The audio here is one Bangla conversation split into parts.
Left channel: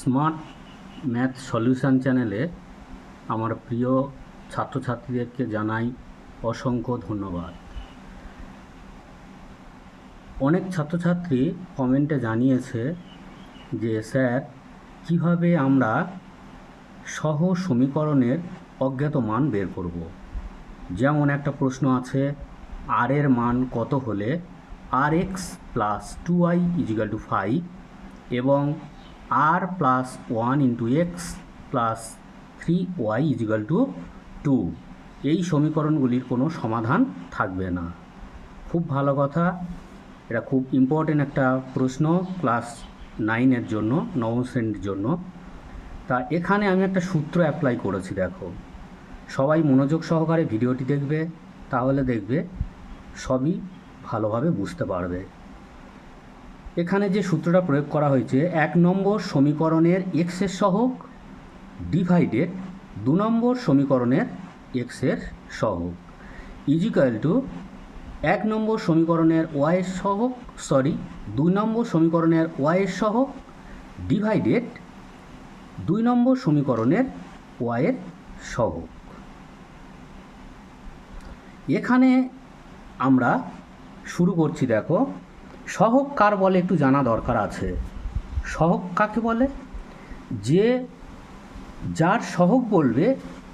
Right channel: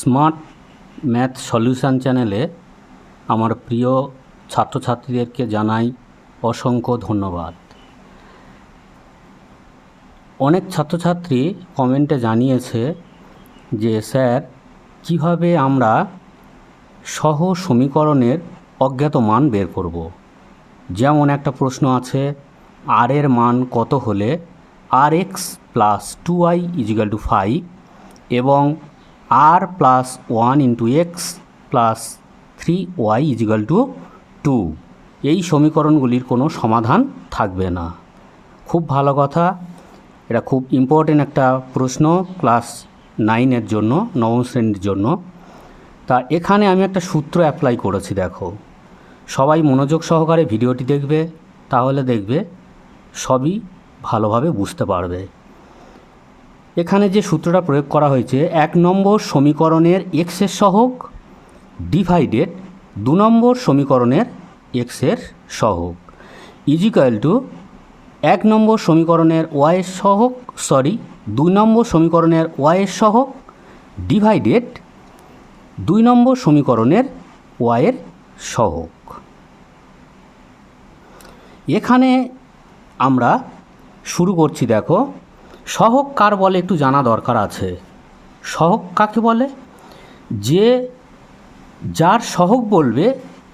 স্মার্ট ম্যাথ সলিউশন চ্যানেলে আমার প্রিয় ছাত্রছাত্রীদেরকে জানাই অসংখ্য ধন্যবাদ। অনেক ছাত্রছাত্রী কমেন্টে জানিয়েছে যে স্যার কিভাবে আমরা সহ সমীকরণের অজ্ঞাত মান বের করব। যেমন একটা প্রশ্ন আছে, আর এর মান কত হলে আর এক্স প্লাস 2y = 5 এবং আর প্লাস 1 × x প্লাস 3y = 2, এই সমীকরণগুলির কোনো সমাধান থাকবে না। খুব ভালো কথা, এটা খুব ইম্পর্টেন্ট একটা প্রশ্ন ক্লাস 9-এর জন্য, নবম শ্রেণীর জন্য। তা এখানে আমি একটা সূত্র অ্যাপ্লাই করেছি। দেখো, সবাই মনোযোগ সহকারে ভিডিওটি দেখবে, তাহলে দেখবে সবই ভালোভাবে বুঝতে পারবে। এখানে যে সূত্রটা প্রয়োগ করা হয়েছে, 1 নম্বর সমীকরণের এক্সের সহগ ডিভাইডেড 2 নম্বর সমীকরণের এক্সের সহগ ইজিক্যাল টু 1 নম্বর সমীকরণের ওয়াইয়ের সহগ 2 নম্বর সমীকরণের ওয়াইয়ের সহগ ডিভাইডেড 2 নম্বর সমীকরণের ওয়াইয়ের সহগ। এখানে আমরা শুরু করছি। দেখো, সহগ কার বলে একটু জানা দরকার আছে। সহগ কাকে বলে? যার সহগ বলবে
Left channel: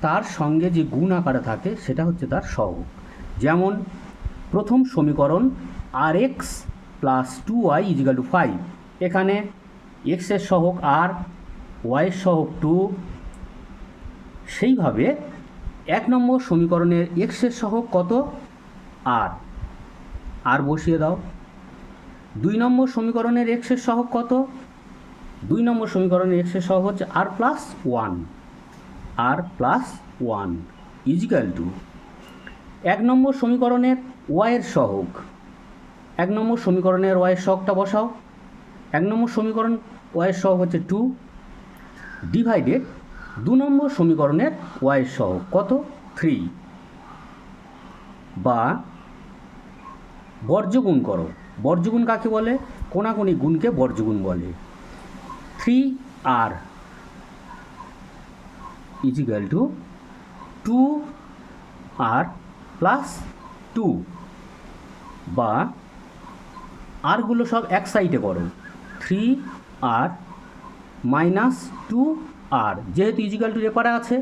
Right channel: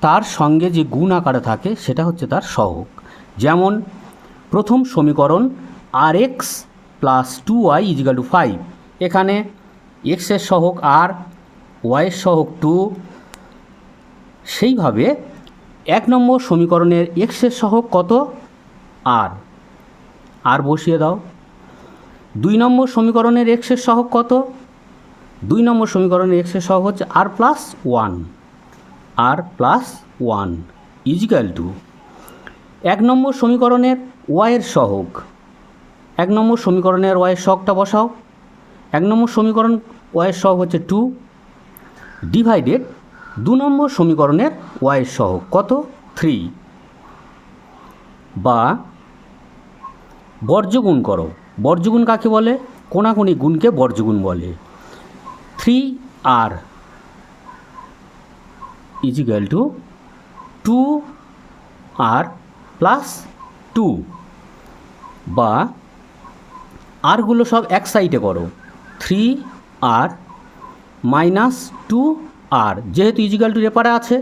তার সঙ্গে যে গুণ আকারে থাকে সেটা হচ্ছে তার সহগ। যেমন প্রথম সমীকরণ আর এক্স প্লাস 2y = 5, এখানে এক্সের সহগ আর, ওয়াইয়ের সহগ 2। সেইভাবে 1 নম্বর সমীকরণের এক্সের সহগ কত? আর বসিয়ে দাও। 2 নম্বর সমীকরণের এক্সের সহগ কত? 2 নম্বর সমীকরণের এক্সের সহগ হচ্ছে আর প্লাস 1 ইজিক্যাল টু 1 নম্বর সমীকরণের ওয়াইয়ের সহগ। 1 নম্বর সমীকরণের ওয়াইয়ের সহগটা বসাও। 1 নম্বর সমীকরণ ওয়াইয়ের সহগ হচ্ছে 2 ডিভাইডেড 2 নম্বর সমীকরণের ওয়াইয়ের সহগ কত? 3। বা বর্জ্যগুণ করো। বর্জ্যগুণ কাকে বলে? কোনাকুনি গুণকে বর্জ্যগুণ বলে। 3r is equal two 2r plus 2, বা আরগুলো সব এক সাইডে করো। 3r মাইনাস 2r, যেহেতু ইজিক্যাল টু রেপারে আছে,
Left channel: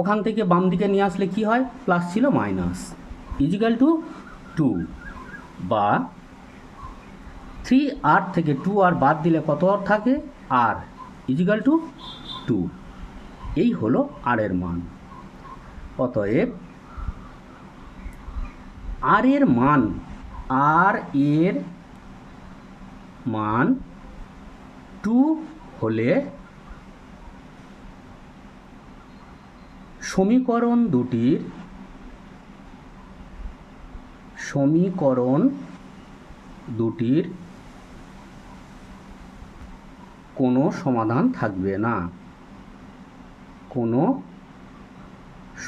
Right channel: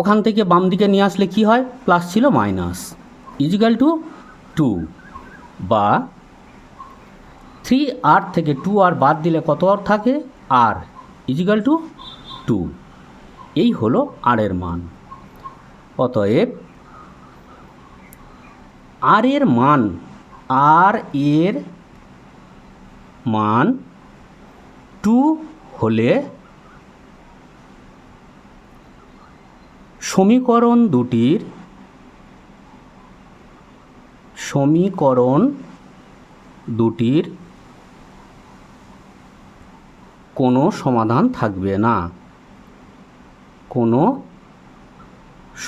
ওখান থেকে বাম দিকে নিয়ে আসলে কি হয়? প্লাস ছিল মাইনাস, ইজিক্যাল টু 2, বা 3r থেকে 2r বাদ দিলে কত আর থাকে? r is equal to 2। এই হলো আর এর মান। অতএব আর এর মান 2 হলে সমীকরণ দুটির কোনো সমাধান থাকবে না। কোনো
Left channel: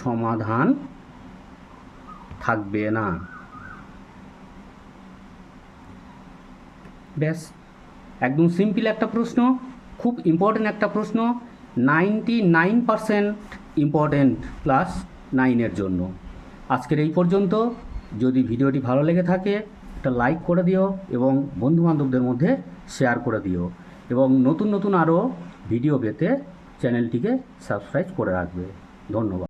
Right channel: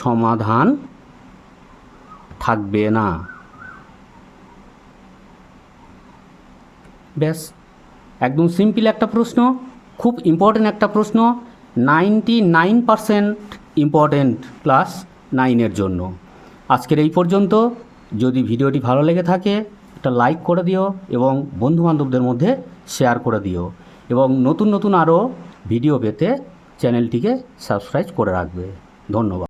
সমাধান থাকবে না। ব্যাস, একদম সিম্পল একটা প্রশ্ন, খুব ইম্পর্টেন্ট একটা প্রশ্ন, 99% ইম্পর্টেন্ট ক্লাস 9-এর জন্য। আজকের এই পর্যন্ত। যদি ভিডিওটি ভালো লেগে থাকে একটা লাইক করে দিও এবং বন্ধুবান্ধবদের মধ্যে শেয়ার করে দিও, এবং নতুন আরও ভিডিও পেতে চ্যানেলটিকে সাবস্ক্রাইব করে রাখবে। ধন্যবাদ।